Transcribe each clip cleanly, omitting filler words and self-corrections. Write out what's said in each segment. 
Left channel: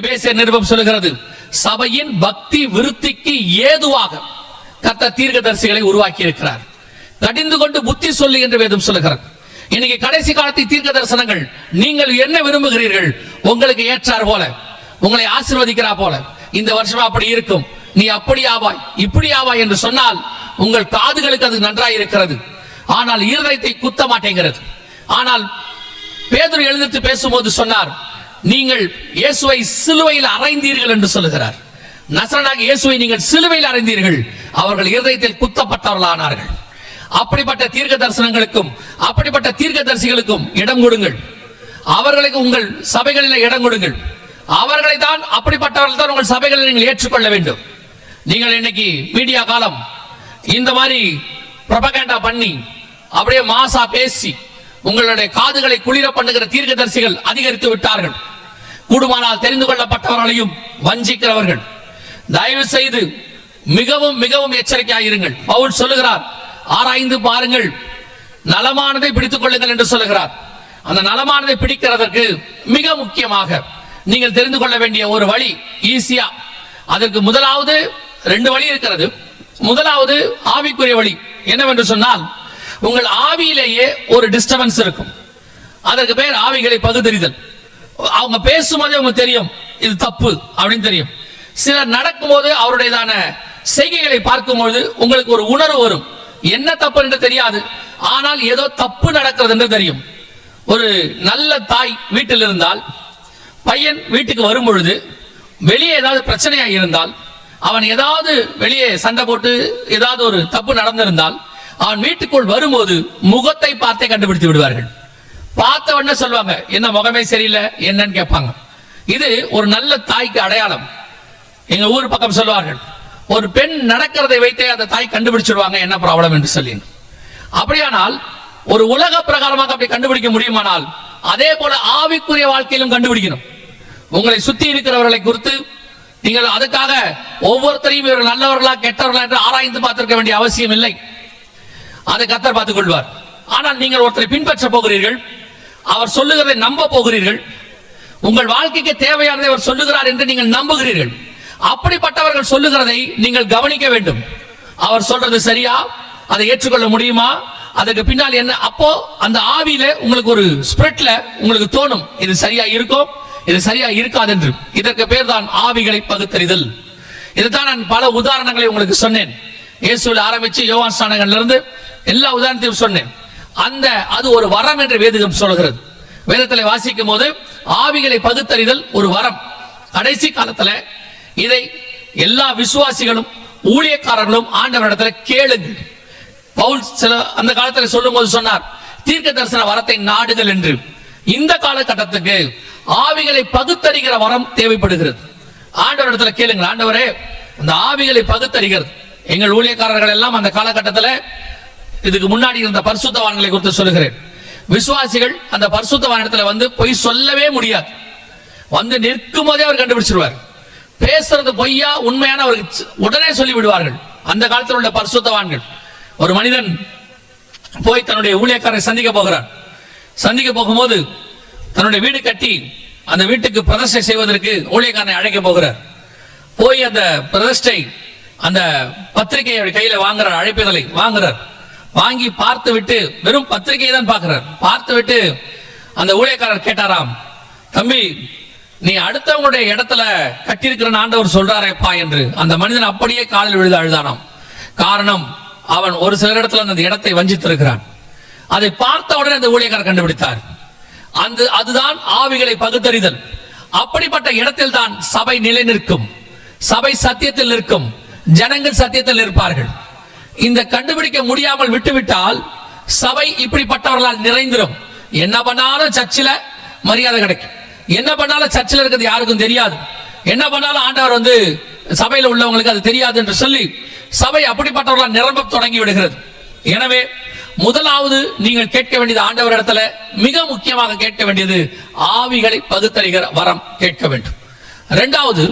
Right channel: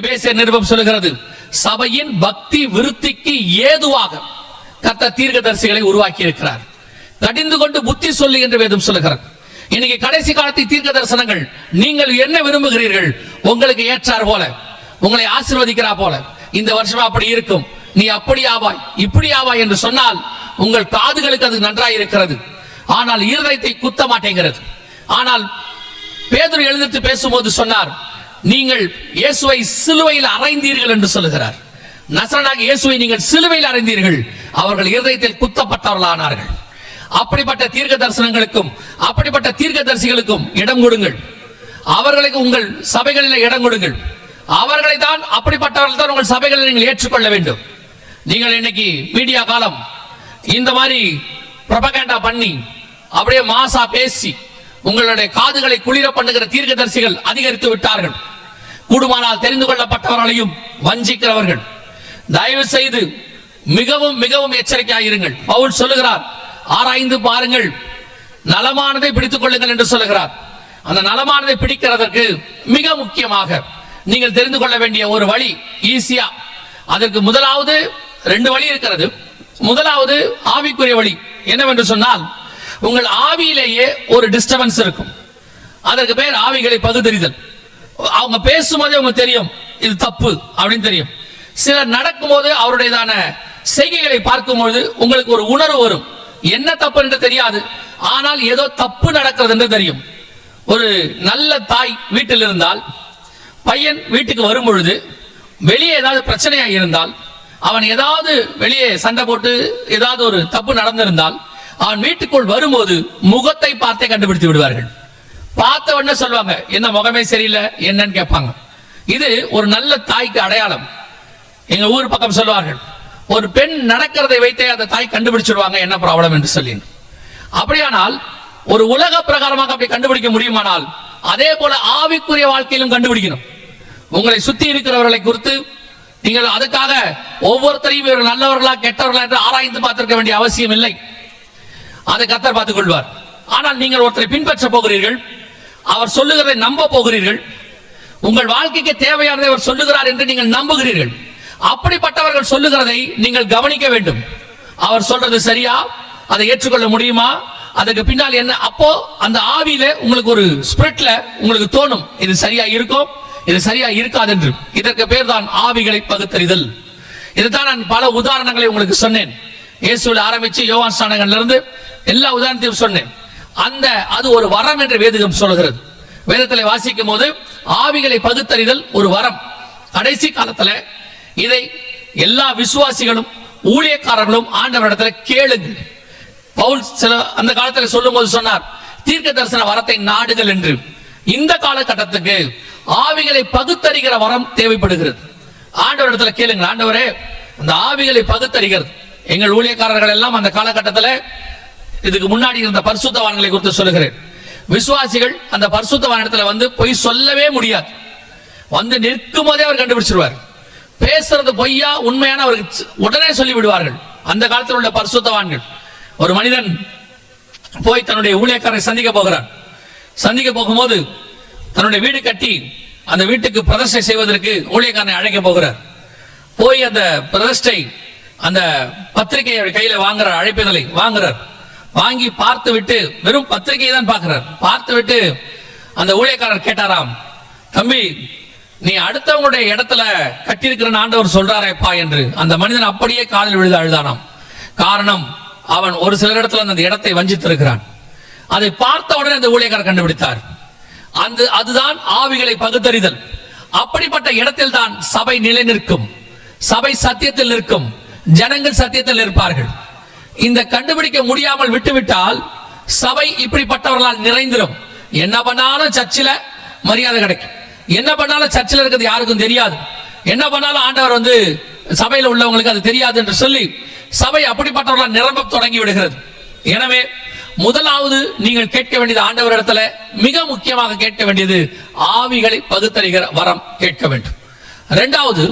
எபேசியர் நிருபம் சொல்லுகிறது, சபையின் பக்தி விருத்திக்கு ஏதுவாக கர்த்தர் தீர்க்கதரிசிகளை உருவாக்கி இருக்கிறார். கடிந்து கொண்டு புத்தி சொல்லு என்று வேதம் சொல்லுகிறது. இன்னைக்கு கடைசி காலத்தை தீர்க்க தரிசனங்கள், நீங்கள் என்ன விரும்புகிறீர்கள், உங்களுக்கு ஏற்றார் போல, உங்களை ஆசீர்வதிக்கிறா போல, இந்த வருஷம் அப்படி இருக்கும், நீ அப்படி ஆவாய் இப்படி ஆவாய் என்று சொன்னால் உங்கள் காதுகளுக்கு அது நன்றாய் இருக்கிறது, ஆனால் இருதயத்தை குத்த மாட்டேங்கிறது. ஆனால் பேதுரு எழுந்திட்டு பேசும்போது சொன்னார், நீங்கள் இயேசுவை சிலுவையில் அறைந்தீர்கள் என்று சொல்லுகிறார். நசரனாகிய இயேசுவை நீங்கள் சிலுவையில் அறைந்தீர்கள், அவர்கள் இருதயத்தில் குத்தப்பட்டவர்களானார்கள். அப்படிப்பட்ட தீர்க்க தரிசனங்களுக்கும் அப்படிப்பட்ட தீர்க்கதரிசிகளுக்கும் இடம் கொடுங்கள். அவர்களுக்கு உங்கள் சபைகளில் இடம் கொடுங்கள். அவர்களை தான், அப்படிப்பட்டவர்கள் தான் உங்கள் சபைகளில் நீங்கள் ஏற்றுக்கொள்ள வேண்டும். நீங்கள் இன்னைக்கு மீடியா காலம், இந்த மாதிரி ப்ரொபகண்டா பண்ணி அப்படியே மாசா பேசி உங்களுடைய காதுகளை குளிர பண்ணுகிற தீர்க்கதரிசிகள் அதிகரித்து விட்டார்கள். கூடுமானால் தெரிந்து கொள்ளப்பட்டவர்களையும் வஞ்சிக்கிறவர்கள். தயவு செய்து மிகவும் மிகவும் எச்சரிக்கையாக இருங்கள். பவுல் சொல்லுகிறார், ஆராய்ந்து பாருங்கள், நலமானதை பிடித்துக் கொள்ளுங்கள் என்று சொல்லுகிறார். அந்த நலமானதை பிடிக்கிறதற்கு மிக முக்கியமாக நீங்கள் தெரிந்து கொள்ள வேண்டிய ஒரு வழி ஈஸியா, அதற்கு முதலாவது 2 வழி இருக்கிறது. முதலாவது ஆவிக்குரிய வழி என்னவென்று சொன்னால், உங்கள் ஆவியிலேயே ஒரு டிஸ்டர்பன்ஸ் இருக்கும். அதற்கு பேர் ஆவிகளை பகுத்தறிதல். அவங்க பேசும்போதே உங்களுக்கு தெரியும் இது தப்பு அப்படின்னு தெரியும். சிலர் நடக்கும்போது அவருடையதான செய்கைகளை பார்க்கும்போது உங்களுக்கு ஒரு உணர்வு வரும், என்ன தப்பு என்று தெரியாது, ஆனால் ஏதோ தப்பு நடக்கிறது என்று தெரியும். ஒரு நல்ல தாய் வீட்டில் இருந்தால், பையன் வீட்டுக்கு வரும் பொழுது வெளியே ஏதாவது பிரச்சனையாக இருந்தால், அவன் ஏதாவது வெளியே சண்டை போட்டு ஏதாவது ஒரு தப்பு நடந்திருந்தால், அவன் வீட்டுக்குள் வரும்போது முகத்தை பார்த்தே கண்டுபிடித்து விடுவார்கள். பார்த்த உடனே சொல்லுவாங்க, என்ன முகமே சரியில்லை என்னன்னு கேட்பாங்க. இது ஒரு நல்ல தாய்க்கு அடையாளம். எங்க ஊர் பக்கம் சொல்லுவார்கள், ஒரு பெண் நடக்கிறதை வைத்தே அந்த தாய் கண்டுபிடிச்சிடுவாங்க என்ன ப்ராப்ளம் என்று சொல்லி. அப்படியானால் ஒரு உலக பிரகாரமாக அப்படி கண்டுபிடிக்க முடியுமானால், அதே போல ஆவிக்குரிய வாழ்க்கையிலும் கண்டுபிடிக்கணும். உங்களை சுத்தி இருக்கிறவர்களை குறித்து நீங்கள் அதுக்காக ஒவ்வொருத்தரையும் இவர்கள் நல்லவர்களா கெட்டவர்களா என்று ஆராய்ந்து பார்த்திருக்க வேண்டிய அவசியம் இல்லை. அதை கர்த்தர் பார்த்துக் கொள்வார். ஆனால் நீங்கள் ஒருத்தரை பின்பற்ற போகிறீர்கள், அவர் சொல்லுகிறதை நம்ப போகிறீர்கள், உங்கள் வாழ்க்கைக்கு தேவையானதை அவர் சொல்லுகிறார் என்று நீங்கள் நம்புகிறீர்கள். அப்படிப்பட்டவர்கள் சொல்லுகிறதை நீங்கள் கவனிக்க வேண்டும். அவர் சொல்றது சரியா, அதை ஏற்றுக்கொள்ள முடியுமா, அதுக்கு பின்னால் என்ன? அப்போ அந்த ஆவியில உங்களுக்கு ஒரு ஸ்பிரிட்ல உங்களுக்கு தோணும், இது சரியா இருக்கும், இது சரியா இருக்காது என்று. இதற்கு பேர் தான் ஆவிகளை பகுத்தறிதல். இதுதான் நான் பல உதாரணங்களை உங்களுக்கு சொன்னேன். இயேசுவில் ஆரம்பிச்சு யோவான் ஸ்நானகன்ல இருந்து எல்லா உதாரணத்தையும் சொன்னேன். அது ஒரு வரம் என்று வேதம் சொல்கிறது. வேதத்தில் வாசிக்கும் போது ஆவிகளை பகுத்தறிதல் ஒரு வரம். கடைசி காலத்துல இதை எல்லா விசுவாசிகளும் ஊழியக்காரர்களும் ஆண்டவரிடத்தில் கேளுங்கள். பவுல் சில அந்த காலத்தில் சொல்லும் போது சொன்னார், தீர்க்க தரிசன வரத்தை நாடுகள் என்று. இந்த காலகட்டத்துக்கு ஆவிகளை பகுத்தறிகிற வரம் தேவைப்படுகிறது. ஆண்டவரிடத்தில் கேளுங்கள், ஆண்டவரே அந்த ஆவிகளை பகுத்தறிகிறது. எங்கள் ஊழியக்காரர்கள் எல்லாம் அந்த காலகட்டத்தில், இதுக்கு முன்னாடி இருந்த பரிசுத்தவான்களை குறித்து சொல்லுகிறேன், விசுவாசிகள் அந்த பரிசுத்தவானிடத்தில் வந்து பொய் சொல்லவே முடியாது. வந்து நிற்கும் போதே அவர் கண்டுபிடிச்சிருவார். பேசுறது பொய்யா உண்மையான அவருக்கு உடனே சொல்லி விடுவார்கள். அந்த காலத்தில் உள்ள பரிசுத்தவான்கள். ஒரு மனிதன் போய் தன்னுடைய ஊழியக்காரரை சந்திக்க போகிறார். சந்திக்க போகும்போது தன்னுடைய வீடு கட்டி அந்த வீட்டுக்கு பிரதிஷ்டை செய்வதற்கு ஊழியக்காரனை அழைக்க போகிறார். போய் அந்த பிரதிஷ்டை அந்த பத்திரிகையை கையில வாங்குறார், அழைப்புதலை வாங்குறார். வாங்கி பார்த்து விட்டு, வெறும் பத்திரிகையை தான் பார்க்கிறார். பார்த்து விட்டு அந்த ஊழியக்காரர் கேட்டாராம், தம்பி நீ அடுத்தவங்களுடைய இடத்துல கட்டியிருக்கிற ஆண்டவர் சொல்றாரேப்பா என்று. அந்த மனிதன் அப்படியே காலில் விழுது அழுதானாம். காரணம், அவன் ஒரு சில இடத்துல அந்த இடத்தை வஞ்சித்திருக்கிறான். அதை பார்த்த உடனே அந்த ஊழியக்காரர் கண்டுபிடித்தார். அதுதான் ஆவிகளை பகுத்தறிதல். அப்படிப்பட்ட இடத்தில் தான் சபை நிலை நிற்கும், சபை சத்தியத்தில் நிற்கும், ஜனங்கள் சத்தியத்தில் இருப்பார்கள். இந்த கண்டுபிடிக்க முடியாமல் விட்டுவிட்டால் சபை இப்படிப்பட்டவர்களால் நிறைந்திரும். என்ன பண்ணாலும் சர்ச்சில் மரியாதை கிடைக்கும், என்ன பண்ணாலும் சர்ச்சில் இருக்கிறது யாருக்கும் தெரியாது, என்ன பண்ணாலும் ஆண்டவர் வந்து சபையில் உள்ளவங்களுக்கு அது தெரியாது என்று சொல்லி சபை அப்படிப்பட்டவர்களால் நிரம்ப தொடங்கி விடுகிறது. எனவே முதலாவது நீங்கள் கேட்க வேண்டியது ஆண்டவரிடத்துல, மிக முக்கியமாக கேட்க வேண்டியது ஆவிகளை பகுத்தறிகிற வரம் கேட்க வேண்டும். இரண்டாவது,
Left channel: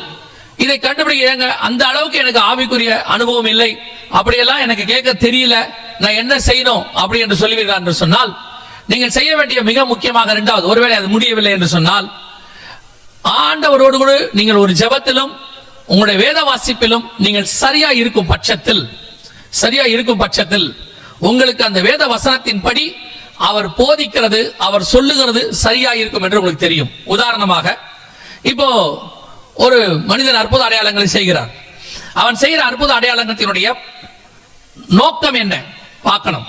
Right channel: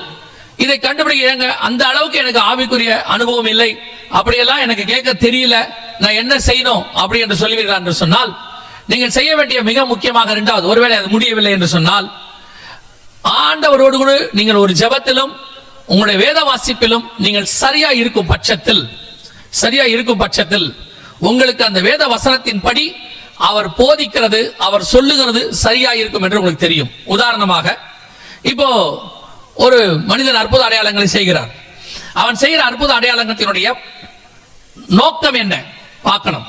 இதை கண்டுபிடிக்க அந்த அளவுக்கு எனக்கு ஆவிக்குரிய அனுபவம் இல்லை, அப்படியெல்லாம் எனக்கு கேட்க தெரியல, நான் என்ன செய்யணும் அப்படி என்று சொல்லுவீர்கள் என்று சொன்னால், நீங்கள் செய்ய வேண்டிய மிக முக்கியமாக இரண்டாவது, ஒருவேளை அது முடியவில்லை என்று சொன்னால், ஆண்டவரோடு கூட நீங்கள் ஒரு ஜெபத்திலும் உங்களுடைய வேத வாசிப்பிலும் நீங்கள் சரியா இருக்கும் பட்சத்தில் உங்களுக்கு அந்த வேத வசனத்தின்படி அவர் போதிக்கிறது, அவர் சொல்லுகிறது சரியா இருக்கும் என்று உங்களுக்கு தெரியும். உதாரணமாக, இப்போ ஒரு மனிதன் அற்புத அடையாளங்களை செய்கிறார். அவன் செய்கிற அற்புத அடையாளத்தினுடைய நோக்கம் என்ன பார்க்கணும்.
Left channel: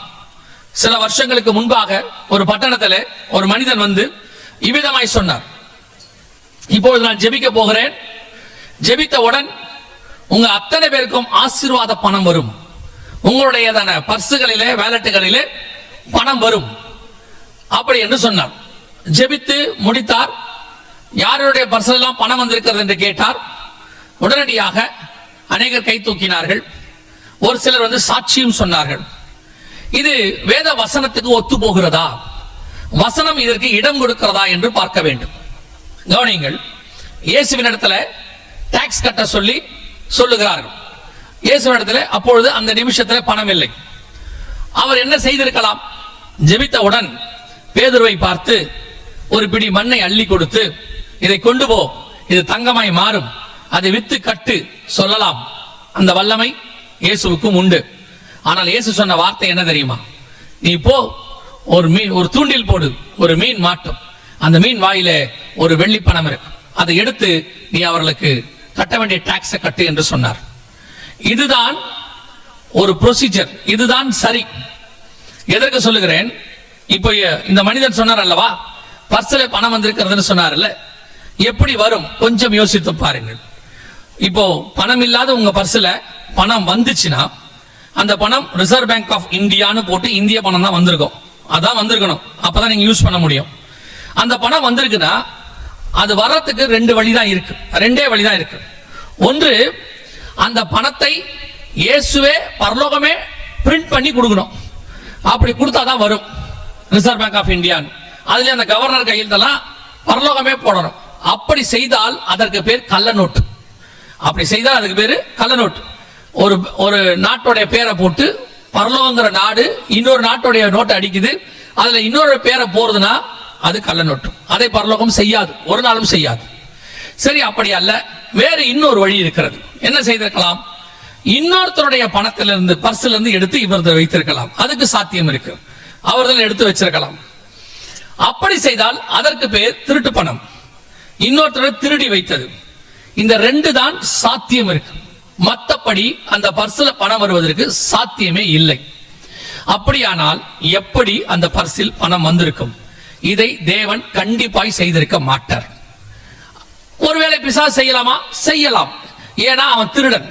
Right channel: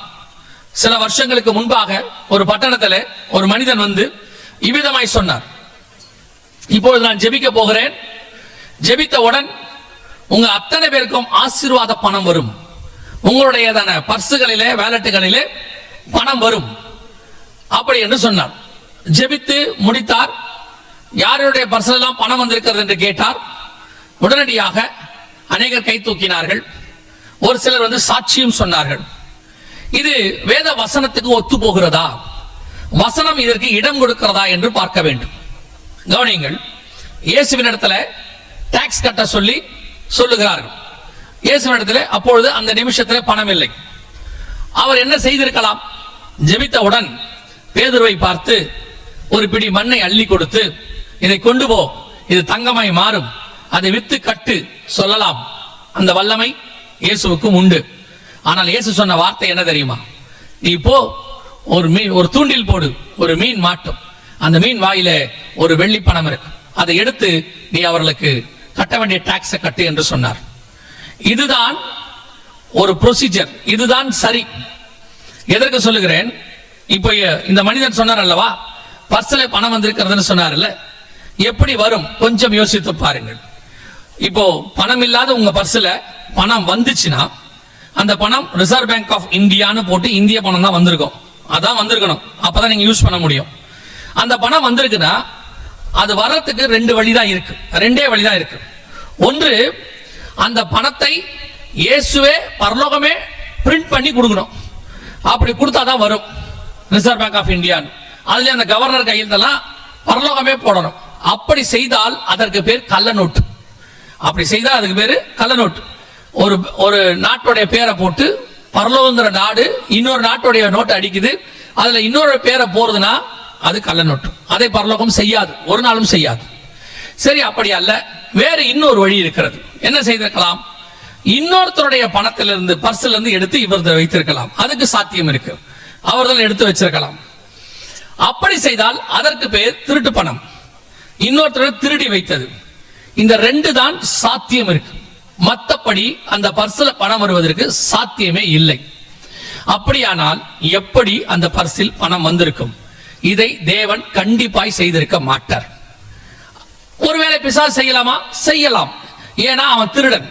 சில வருஷங்களுக்கு முன்பாக ஒரு பட்டணத்தில் ஒரு மனிதன் வந்து இவ்விதமாய் சொன்னார், இப்பொழுது நான் ஜெபிக்க போகிறேன், ஜெபித்தவுடன் உங்க அத்தனை பேருக்கும் ஆசீர்வாத பணம் வரும், உங்களுடைய பர்சுகளிலே வேலட்டுகளிலே பணம் வரும் அப்படி என்று சொன்னார். ஜெபித்து முடித்தார். யாருடைய பர்செல்லாம் பணம் வந்திருக்கிறது என்று கேட்டார். உடனடியாக அநேகர் கை தூக்கினார்கள். ஒரு சிலர் வந்து சாட்சியும் சொன்னார்கள். இது வேத வசனத்துக்கு ஒத்து போகிறதா, வசனம் இதற்கு இடம் கொடுக்கிறதா என்று பார்க்க வேண்டும். கவனியுங்கள், இயேசுவின் இடத்துல டாக்ஸ் கட்ட சொல்லுகிறார்கள். இயேசுவின் இடத்துல அப்பொழுது அந்த நிமிஷத்தில் பணம் இல்லை. அவர் என்ன செய்திருக்கலாம்? ஜெபித்தவுடன் பேதுருவை பார்த்து ஒரு பிடி மண்ணை அள்ளி கொடுத்து, இதை கொண்டு போ, இது தங்கமாய் மாறும், அதை வித்து கட்டு சொல்லலாம். அந்த வல்லமை இயேசுவுக்கும் உண்டு. ஆனால் இயேசு சொன்ன வார்த்தை என்ன தெரியுமா? நீ போ, ஒரு தூண்டில் போடு, ஒரு மீன் மாட்டும், அந்த மீன் வாயில ஒரு வெள்ளி பணம் இருக்கு, அதை எடுத்து நீ அவர்களுக்கு கட்ட வேண்டிய டாக்ஸை கட்டு என்று சொன்னார். இதுதான் ஒரு ப்ரொசீஜர், இதுதான் சரி. எதற்கு சொல்லுகிறேன்? இப்போ இந்த மனிதன் சொன்னார் அல்லவா, பர்ஸ்ல பணம் வந்திருக்கிறதுன்னு சொன்னார்ல, எப்படி வரும் கொஞ்சம் யோசித்து பாருங்கள். இப்போ பணம் இல்லாத உங்க பர்ஸ்ல பணம் வந்துச்சுன்னா, அந்த பணம் ரிசர்வ் பேங்க் ஆஃப் இந்தியான்னு போட்டு இந்திய பணம் தான் வந்திருக்கும், அதான் வந்திருக்கணும், அப்பதான் நீங்க யூஸ் பண்ண முடியும். அந்த பணம் வந்திருக்குன்னா அது வர்றதுக்கு ரெண்டே வழிதான் இருக்கு. ஒன்று, அந்த பணத்தை இயேசுவே பரலோகமே பிரிண்ட் பண்ணி கொடுக்கணும், அப்படி கொடுத்தாதான் வரும் ரிசர்வ் பேங்க் ஆஃப் இந்தியா. அதுல அந்த கவர்னர் கையெழுத்தெல்லாம் பரலோகமே போடணும். அப்படி செய்தால் அதற்கு பேர் கள்ள நோட்டு. ஒரு நாட்டுடைய பேரை போட்டு பரலோகங்கிற நாடு இன்னொரு நாட்டுடைய நோட்டு அடிக்குது, அதுல இன்னொரு பேரை போறதுன்னா அது கள்ள நோட்டு. அதை பரலோகம் செய்யாது, ஒரு நாளும் செய்யாது. சரி, அப்படி அல்ல, வேறு இன்னொரு வழி இருக்கிறது. என்ன செய்திருக்கலாம்? இன்னொருத்தருடைய பணத்திலிருந்து பர்ஸ்ல இருந்து எடுத்து இவர்கள் வைத்திருக்கலாம், அதுக்கு சாத்தியம் இருக்கு. அவர்கள் எடுத்து வச்சிருக்கலாம். அப்படி செய்தால் அதற்கு பேர் திருட்டு பணம், இன்னொருத்தர் திருடி வைத்தது. இந்த ரெண்டு தான் சாத்தியம் இருக்கு. மற்றபடி அந்த பர்ஸ்ல பணம் வருவதற்கு சாத்தியமே இல்லை. அப்படியானால் எப்படி அந்த பர்சில் பணம் வந்திருக்கும்? இதை தேவன் கண்டிப்பாய் செய்திருக்க மாட்டார். ஒருவேளை பிசாசு செய்யலாமா? செய்யலாம். ஏன்னா அவன் திருடன்,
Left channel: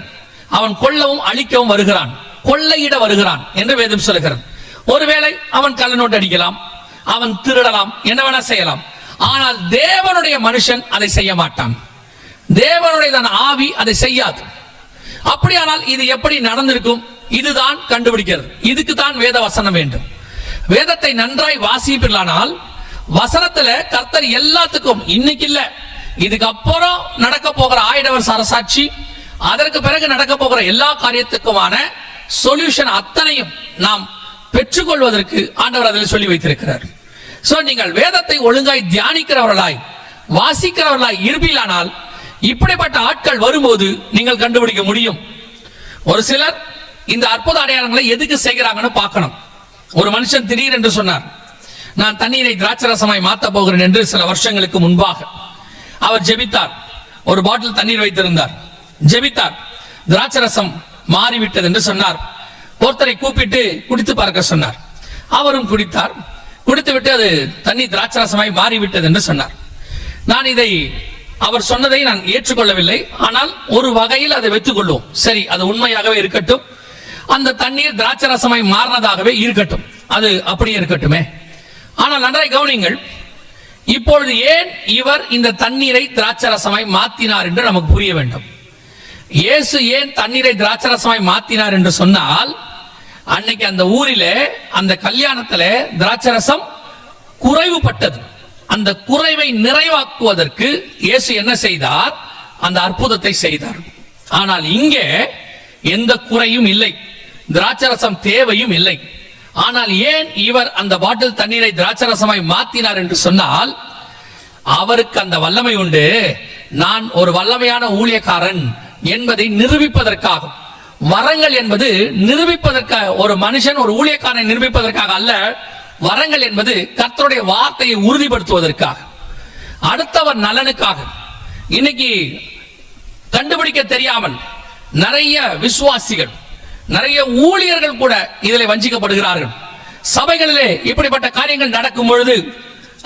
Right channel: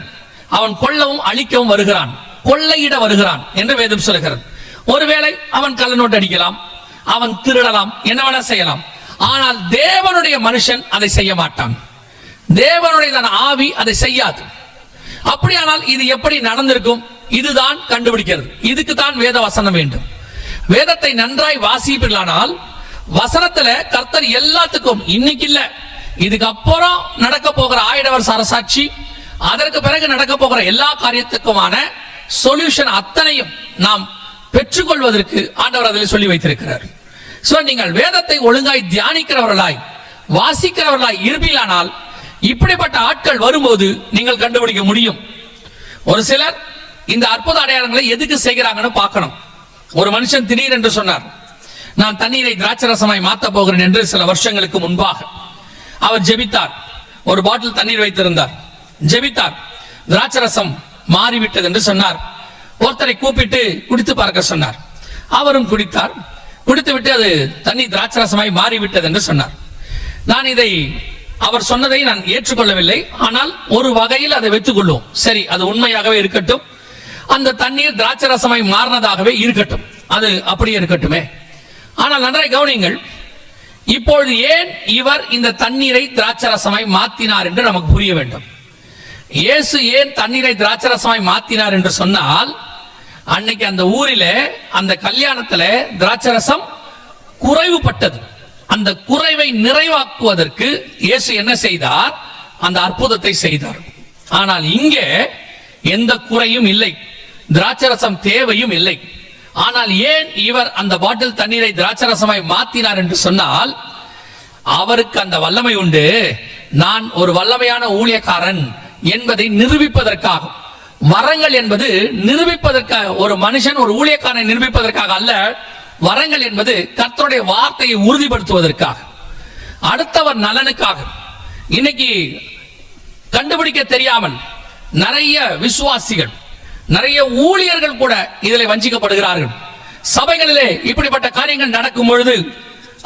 அவன் கொல்லவும் அழிக்கவும் வருகிறான், கொள்ளையிட வருகிறான் என்று வேதம் சொல்கிறது. ஒருவேளை அவன் கள்ள நோட்டு அடிக்கலாம், அவன் திருடலாம், என்ன வேணா செய்யலாம். ஆனால் தேவனுடைய மனுஷன் அதை செய்ய மாட்டான், தேவனுடைய ஆவி அதை செய்யாது. அப்படியானால் இது எப்படி நடந்திருக்கும்? இதுதான் கண்டுபிடிக்கிறது. இதுக்கு தான் வேத வசனம் வேண்டும். வேதத்தை நன்றாய் வாசிப்பீர்களானால் வசனத்துல கர்த்தர் எல்லாத்துக்கும், இன்னைக்கு இல்ல, இதுக்கு அப்புறம் நடக்க போகிற 1000 வருஷ அரசாட்சி, அதற்கு பிறகு நடக்க போகிற எல்லா காரியத்துக்குமான சொல்யூஷன் அத்தனையும் நாம் பெற்றுக்கொள்வதற்கு ஆண்டவர் அதில் சொல்லி வைத்திருக்கிறார். சோ நீங்கள் வேதத்தை ஒழுங்காய் தியானிக்கிறவர்களாய் வாசிக்கிறவர்களாய் இருப்பீர்களானால் இப்படிப்பட்ட ஆட்கள் வரும்போது நீங்கள் கண்டுபிடிக்க முடியும். ஒரு சிலர் இந்த அற்புத அடையாளங்களை எதுக்கு செய்கிறாங்கன்னு பார்க்கணும். ஒரு மனுஷன் திடீரென்று சொன்னார், நான் தண்ணீரை திராட்சரசமாய் மாத்த போகிறேன் என்று சில வருஷங்களுக்கு முன்பாக அவர் ஜெபித்தார். ஒரு பாட்டில் தண்ணீர் வைத்திருந்தார், ஜெபித்தார், திராட்சரசம் மாறிவிட்டது என்று சொன்னார். ஒருத்தரை கூப்பிட்டு குடித்து பார்க்க சொன்னார். அவரும் குடித்தார். குடித்துவிட்டு அது தண்ணி திராட்சரசமாய் மாறிவிட்டது என்று சொன்னார். நான் இதை அவர் சொன்னதை நான் ஏற்றுக்கொள்ளவில்லை. ஆனால் ஒரு வகையில் அதை வைத்துக் கொள்வோம். சரி, அது உண்மையாகவே இருக்கட்டும், அந்த தண்ணீர் திராட்சரசமாய் மாறினதாகவே இருக்கட்டும், அது அப்படியே இருக்கட்டுமே. ஆனால் நன்றாய் கவனியுங்கள், இப்பொழுது ஏன் இவர் இந்த தண்ணீரை திராட்சரசமாய் மாத்தினார் என்று நமக்கு புரிய வேண்டும். இயேசு ஏன் தண்ணீரை திராட்சரசமாய் மாத்தினார் என்று சொன்னால், அன்னைக்கு அந்த ஊரில அந்த கல்யாணத்துல திராட்சரசம் குறைவுபட்டது. அந்த குறைவை நிறைவாக்குவதற்கு இயேசு என்ன செய்தார்? அந்த அற்புதத்தை செய்தார். ஆனால் இங்கே எந்த குறையும் இல்லை, திராட்சரசம் தேவையும் இல்லை. ஆனால் ஏன் இவர் அந்த பாட்டில் தண்ணீரை திராட்சரசமாய் மாத்தினார் என்று சொன்னால், அவருக்கு அந்த வல்லமை உண்டு. நான் ஒரு வல்லமையான ஊழியக்காரன் என்பதை நிரூபிப்பதற்காக. வரங்கள் என்பது நிரூபிப்பதற்காக, ஒரு மனுஷன் ஒரு ஊழியக்காரனை நிரூபிப்பதற்காக அல்ல. வரங்கள் என்பது கர்த்தருடைய வார்த்தையை உறுதிப்படுத்துவதற்காக, அடுத்தவர் நலனுக்காக. இன்னைக்கு கண்டுபிடிக்க தெரியாமல் நிறைய விசுவாசிகள், நிறைய ஊழியர்கள் கூட இதில் வஞ்சிக்கப்படுகிறார்கள். சபைகளிலே இப்படிப்பட்ட காரியங்கள் நடக்கும் பொழுது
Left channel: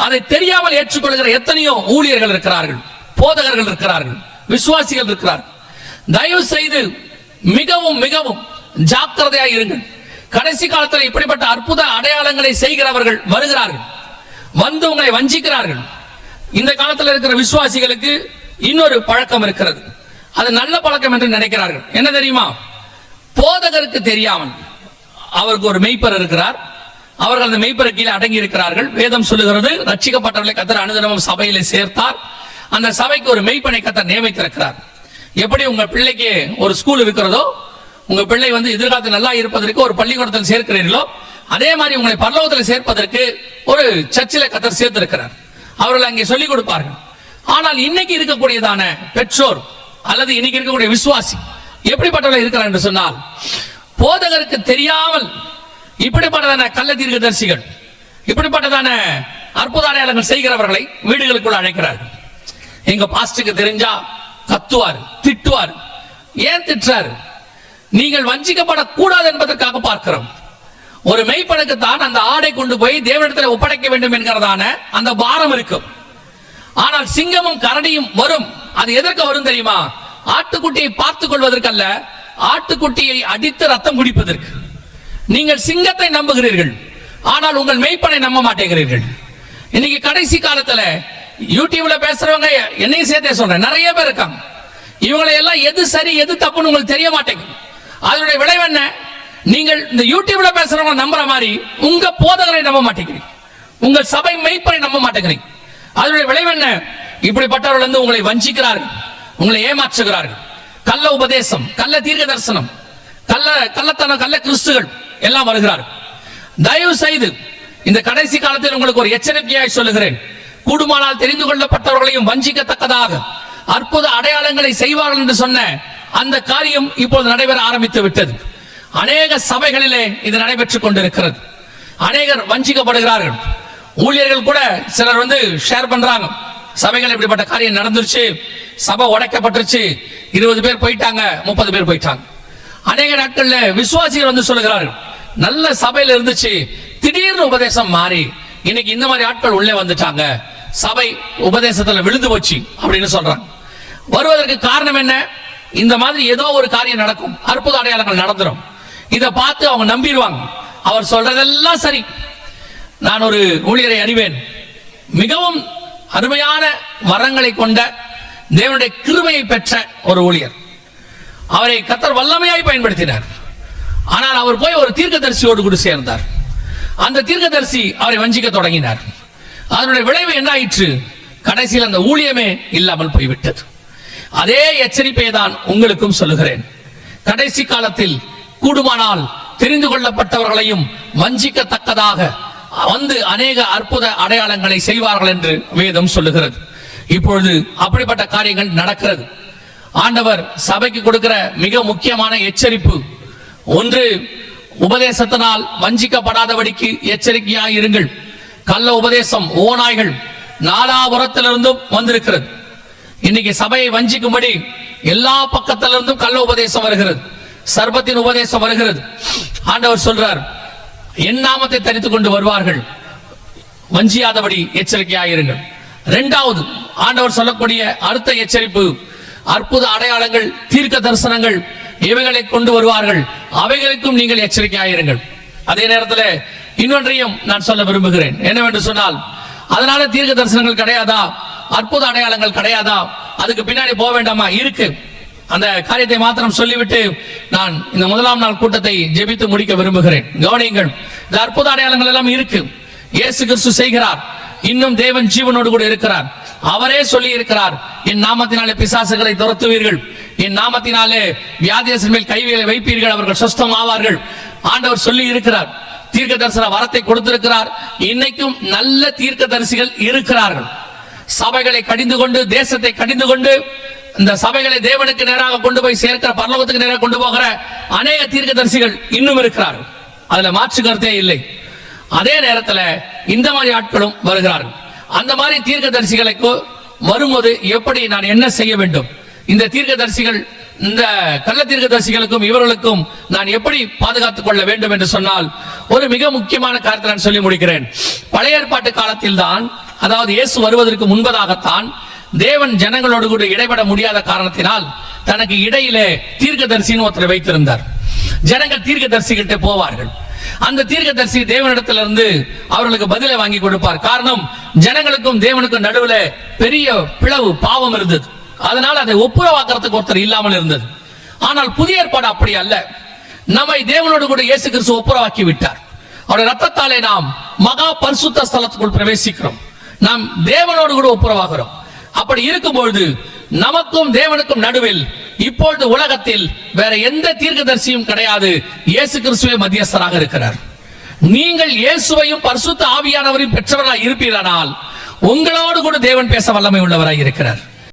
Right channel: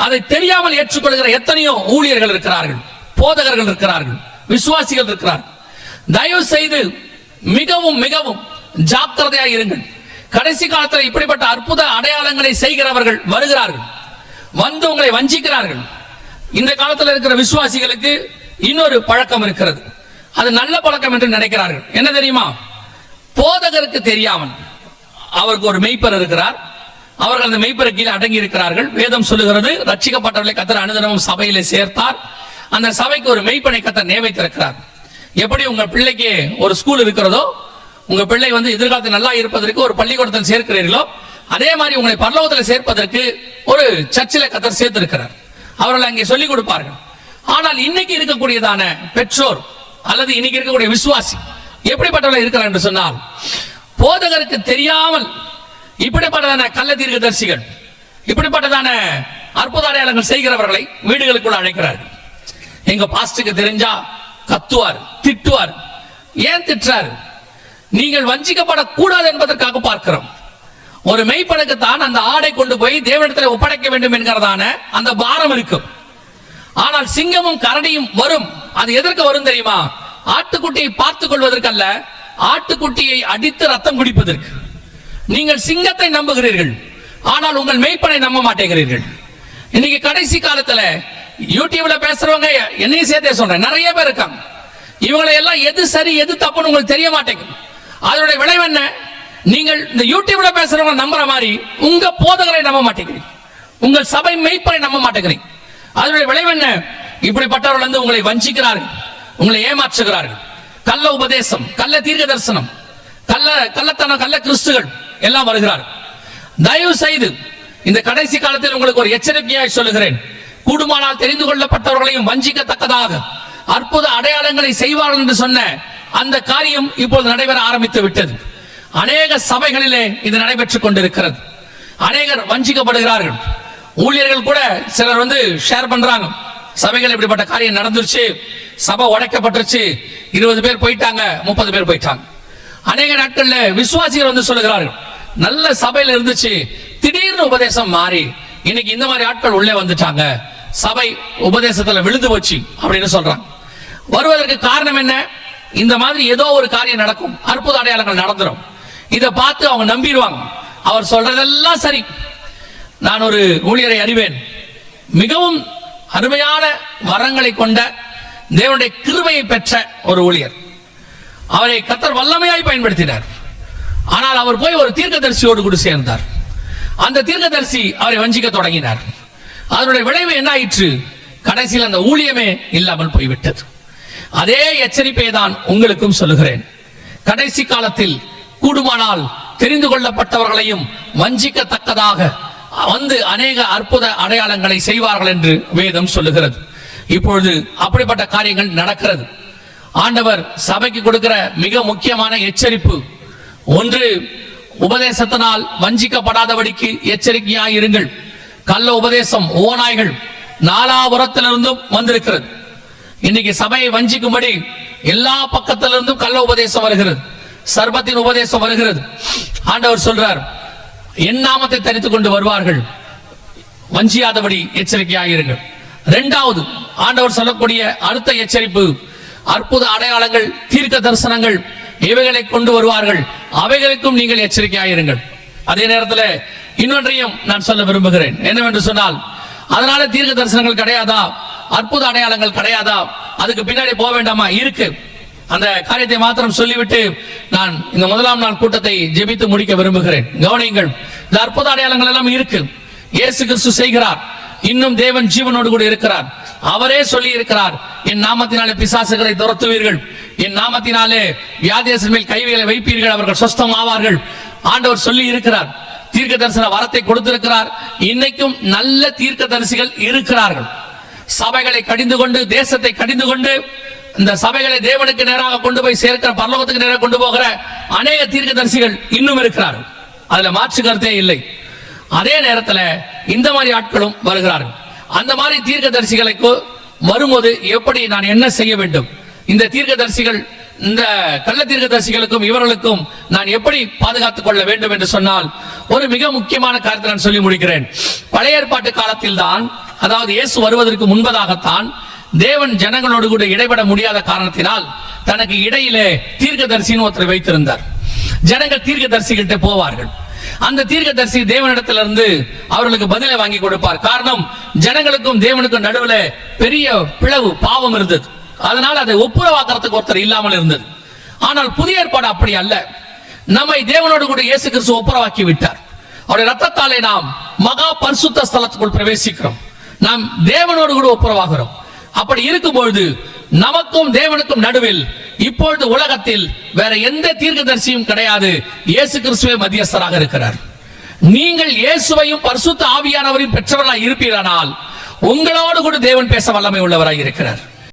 அதை தெரியாமல் ஏற்றுக்கொள்கிற எத்தனையோ ஊழியர்கள் இருக்கிறார்கள், போதகர்கள் இருக்கிறார்கள், விசுவாசிகள் இருக்கிறார்கள். தயவு செய்து மிகவும் மிகவும் ஜாக்கிரதையாக இருங்கள். கடைசி காலத்தில் இப்படிப்பட்ட அற்புத அடையாளங்களை செய்கிறவர்கள் வருகிறார்கள், வந்து உங்களை வஞ்சிக்கிறார்கள். இந்த காலத்தில் இருக்கிற விசுவாசிகளுக்கு இன்னொரு பழக்கம் இருக்கிறது, அது நல்ல பழக்கம் என்று நினைக்கிறார்கள். என்ன தெரியுமா? போதகருக்கு தெரியாமல் அவருக்கு ஒரு மெய்ப்பர் இருக்கிறார், அவர்கள் அந்த மெய்ப்பரை கீழே அடங்கி இருக்கிறார்கள். வேதம் சொல்லுகிறது, ரட்சிக்கப்பட்டவர்களை கர்த்தர் அனுதினமும் சபையிலே சேர்த்தார். அந்த சபைக்கு ஒரு மெய்ப்பனை கர்த்தர் நியமித்திருக்கிறார். எப்படி உங்க பிள்ளைக்கு ஒரு ஸ்கூல் இருக்கிறதோ, உங்க பிள்ளை எதிர்காலத்தில் நல்லா இருப்பதற்கு ஒரு பள்ளிக்கூடத்தில் சேர்க்கிறீர்களோ, அதே மாதிரி உங்களை பரலோகத்தில் சேர்ப்பதற்கு ஒரு சர்ச்சில் கர்த்தர் சேர்த்திருக்கிறார். அவர்கள் அங்கே சொல்லிக் கொடுப்பார்கள். ஆனால் இன்னைக்கு இருக்கக்கூடியதான பெற்றோர் அல்லது இன்னைக்கு இருக்கக்கூடிய விசுவாசி எப்படிப்பட்டவர்கள் இருக்கிறார் என்று சொன்னால், போதகருக்கு தெரியாமல் இப்படிப்பட்டதான கள்ள தீர்க்கதரிசிகள், இப்படிப்பட்டதான அற்புத அடையாளங்கள் செய்கிறவர்களை வீடுகளுக்குள்ள அழைக்கிறார்கள். எங்க பாஸ்டருக்கு தெரிஞ்சா கத்துவார், திட்டுவார். ஏன் திட்டுறாரு? நீங்கள் வஞ்சிக்கப்படக்கூடாது என்பதற்காக பார்க்கிறோம். ஒரு மெய்ப்பனுக்கு தான் அந்த ஆடை கொண்டு போய் தேவனிடத்தில் ஒப்படைக்க வேண்டும் என்கிறதான அந்த பாரம் இருக்கும். ஆனால் சிங்கமும் கரடியும் வரும். அது எதற்கு வரும் தெரியுமா? ஆட்டுக்குட்டியை பார்த்துக் கொள்வதற்கல்ல, ஆட்டுக்குட்டியை அடித்து ரத்தம் குடிப்பதற்கு. நீங்கள் சிங்கத்தை நம்புகிறீர்கள், ஆனால் உங்கள் மெய்ப்பனை நம்ப மாட்டேங்கிறீர்கள். இன்னைக்கு கடைசி காலத்துல யூடியூப்ல பேசுறவங்க, என்னையும் சேர்த்தே சொல்றேன், நிறைய பேர் இருக்காங்க. இவங்களை எல்லாம் எது சரி எது தப்புன்னு உங்களுக்கு தெரிய மாட்டேங்குது. அதனுடைய விளைவு என்ன? நீங்கள் இந்த யூடியூப்ல பேசுறவங்க நம்புற மாதிரி உங்க போதகரை நம்ப மாட்டேங்கிறீங்க, உங்கள் சபை மெய்ப்பனை நம்ப மாட்டேங்கிறீங்க. அதனுடைய விளைவு என்ன? இப்படிப்பட்டவர்கள் உங்களை வஞ்சிக்கிறார்கள், உங்களை ஏமாற்றுகிறார்கள். கள்ள உபதேசம், கள்ள தீர்க்க தரிசனம், கள்ளத்தனம், கள்ள கிறிஸ்துகள் எல்லாம் வருகிறார்கள். தயவு செய்து இந்த கடைசி காலத்தில் உங்களுக்கு ஒரு எச்சரிக்கையாய் சொல்லுகிறேன். கூடுமானால் தெரிந்து கொள்ளப்பட்டவர்களையும் வஞ்சிக்கத்தக்கதாக அற்புத அடையாளங்களை செய்வார்கள் என்று சொன்ன அந்த காரியம் இப்பொழுது நடைபெற ஆரம்பித்து விட்டது. அநேக சபைகளிலே இது நடைபெற்றுக் கொண்டிருக்கிறது. அநேகர் வஞ்சிக்கப்படுகிறார்கள். ஊழியர்கள் கூட சிலர் ஷேர் பண்றாங்க, சபைகள் இப்படிப்பட்ட காரியம் நடந்துருச்சு, சபை உடைக்கப்பட்டுருச்சு, 20 பேர் போயிட்டாங்க, 30 பேர் போயிட்டாங்க. அநேக நாட்கள்ல விசுவாசிகள் சொல்லுகிறார்கள், நல்ல சபையில இருந்துச்சு, திடீர்னு உபதேசம் மாறி இன்னைக்கு இந்த மாதிரி ஆட்கள் உள்ளே வந்துட்டாங்க, சபை உபதேசத்துல விழுந்து போச்சு அப்படின்னு சொல்றாங்க. வருவதற்கு காரணம் என்ன? இந்த மாதிரி ஏதோ ஒரு காரியம் நடக்கும், அற்புத அடையாளங்கள் நடந்துரும். இதை பார்த்து அவங்க நம்பிடுவாங்க, அவர் சொல்றதெல்லாம் சரி. நான் ஒரு ஊழியரை அறிவேன், மிகவும் அருமையான வரங்களை கொண்ட தேவனுடைய கிருபையை பெற்ற ஒரு ஊழியர். அவரை கர்த்தர் வல்லமையாய் பயன்படுத்தினார். ஆனால் அவர் போய் ஒரு தீர்க்கதரிசியோடு கூட சேர்ந்தார். அந்த தீர்க்கதரிசி அவரை வஞ்சிக்க தொடங்கினார். அதனுடைய விளைவு என்ன ஆயிற்று? கடைசியில் அந்த ஊழியமே இல்லாமல் போய்விட்டது. அதே எச்சரிப்பை தான் உங்களுக்கும் சொல்லுகிறேன். கடைசி காலத்தில் கூடுமானால் தெரிந்து கொள்ளப்பட்டவர்களையும் வஞ்சிக்கத்தக்கதாக அநேக அற்புத அடையாளங்களை செய்வார்கள் என்று வேதம் சொல்லுகிறது. இப்பொழுது அப்படிப்பட்ட காரியங்கள் நடக்கிறது. ஆண்டவர் சபைக்கு கொடுக்கிற மிக முக்கியமான எச்சரிப்பு, ஒன்று, உபதேசத்தினால் வஞ்சிக்கப்படாதபடிக்கு எச்சரிக்கையாக இருங்கள். கள்ள உபதேசம், ஓநாய்கள் நாலாபுரத்திலிருந்தும் வந்திருக்கிறது. இன்னைக்கு சபையை வஞ்சிக்கும்படி எல்லா பக்கத்திலிருந்தும் கள்ள உபதேசம் வருகிறது, சர்பத்தின் உபதேசம் வருகிறது. ஆண்டவர் சொல்றார், என் நாமத்தை தரித்துக் கொண்டு வருவார்கள், வஞ்சியாதபடி எச்சரிக்கையாக இருங்கள். இரண்டாவது, ஆண்டவர் சொல்லக்கூடிய அடுத்த எச்சரிப்பு, அற்புத அடையாளங்கள், தீர்க்க தரிசனங்கள் இவைகளை கொண்டு வருவார்கள், அவைகளுக்கும் நீங்கள் எச்சரிக்கையாக இருங்கள். அதே நேரத்தில் இன்னொன்றையும் நான் சொல்ல விரும்புகிறேன். என்னவென்று சொன்னால், அதனால தீர்க்க தரிசனங்கள் கிடையாதா, அற்புத அடையாளங்கள் கிடையாதா, அதுக்கு பின்னாடி போக வேண்டாமா? இருக்கு. அந்த காரியத்தை மாத்திரம் சொல்லிவிட்டு நான் இந்த முதலாம் நாள் கூட்டத்தை ஜெபித்து முடிக்க விரும்புகிறேன். கவனியுங்கள், இந்த அற்புத அடையாளங்கள் எல்லாம் இருக்கு. இயேசு கிறிஸ்து செய்கிறார். இன்னும் தேவன் ஜீவனோடு கூட இருக்கிறார். அவரே சொல்லி இருக்கிறார், என் நாமத்தினாலே பிசாசுகளை துரத்துவீர்கள், என் நாமத்தினாலே வியாதியஸ்தர் மேல் கைகளை வைப்பீர்கள், அவர்கள் சொஸ்தம் ஆவார்கள். ஆண்டவர் சொல்லி இருக்கிறார். தீர்க்க தரிசன வரத்தை கொடுத்திருக்கிறார். இன்னைக்கும் நல்ல தீர்க்க தரிசிகள் இருக்கிறார்கள். சபைகளை கடிந்து கொண்டு, தேசத்தை கடிந்து கொண்டு, இந்த சபைகளை தேவனுக்கு நேராக கொண்டு போய் சேர்க்கிற, பரலோகத்துக்கு நேராக கொண்டு போகிற அநேக தீர்க்கதரிசிகள் இன்னும் இருக்கிறார்கள். அதுல மாற்று கருத்தே இல்லை. அதே நேரத்தில் இந்த மாதிரி ஆட்களும் வருகிறார்கள். அந்த மாதிரி தீர்க்கதரிசிகளுக்கு வரும்போது எப்படி நான் என்ன செய்ய வேண்டும், இந்த தீர்க்கதரிசிகள், இந்த கள்ள தீர்க்கதரிசிகளுக்கும் இவர்களுக்கும் நான் எப்படி பாதுகாத்துக் கொள்ள வேண்டும் என்று சொன்னால், ஒரு மிக முக்கியமான காரியத்தை நான் சொல்லி முடிக்கிறேன். பழைய ஏற்பாட்டு காலத்தில் தான், அதாவது இயேசு வருவதற்கு முன்பதாகத்தான், தேவன் ஜனங்களோடு கூட இடைபட முடியாத காரணத்தினால் தனக்கு இடையிலே தீர்க்கதரிசின்னு ஒருத்தரை வைத்திருந்தார். ஜனங்கள் தீர்க்கதரிசிகிட்ட போவார்கள். அந்த தீர்க்கதரிசி தேவனிடத்திலிருந்து அவர்களுக்கு பதிலை வாங்கி கொடுப்பார். காரணம், ஜனங்களுக்கும் தேவனுக்கும் நடுவில் பெரிய பிளவு, பாவம் இருந்தது. அதனால் அதை ஒப்புரவாக்குறதுக்கு ஒருத்தர் இல்லாமல் இருந்தது. ஆனால் புதிய ஏற்பாடு அப்படி அல்ல. நம்மை தேவனோடு கூட இயேசு கிறிஸ்து ஒப்புரவாக்கி விட்டார். அவருடைய ரத்தத்தாலே நாம் மகா பரிசுத்த ஸ்தலத்துக்குள் பிரவேசிக்கிறோம். நாம் தேவனோடு கூட ஒப்புரவாகிறோம். அப்படி இருக்கும்பொழுது நமக்கும் தேவனுக்கும் நடுவில் இப்பொழுது உலகத்தில் வேற எந்த தீர்க்கதரிசியும் கிடையாது. இயேசு கிறிஸ்துவே மத்தியஸ்தராக இருக்கிறார். நீங்கள் இயேசுவையும் பரிசுத்த ஆவியானவரையும் பெற்றவராய் இருப்பீரானால் உங்களோடு கூட தேவன் பேச வல்லமை உள்ளவராய் இருக்கிறார்.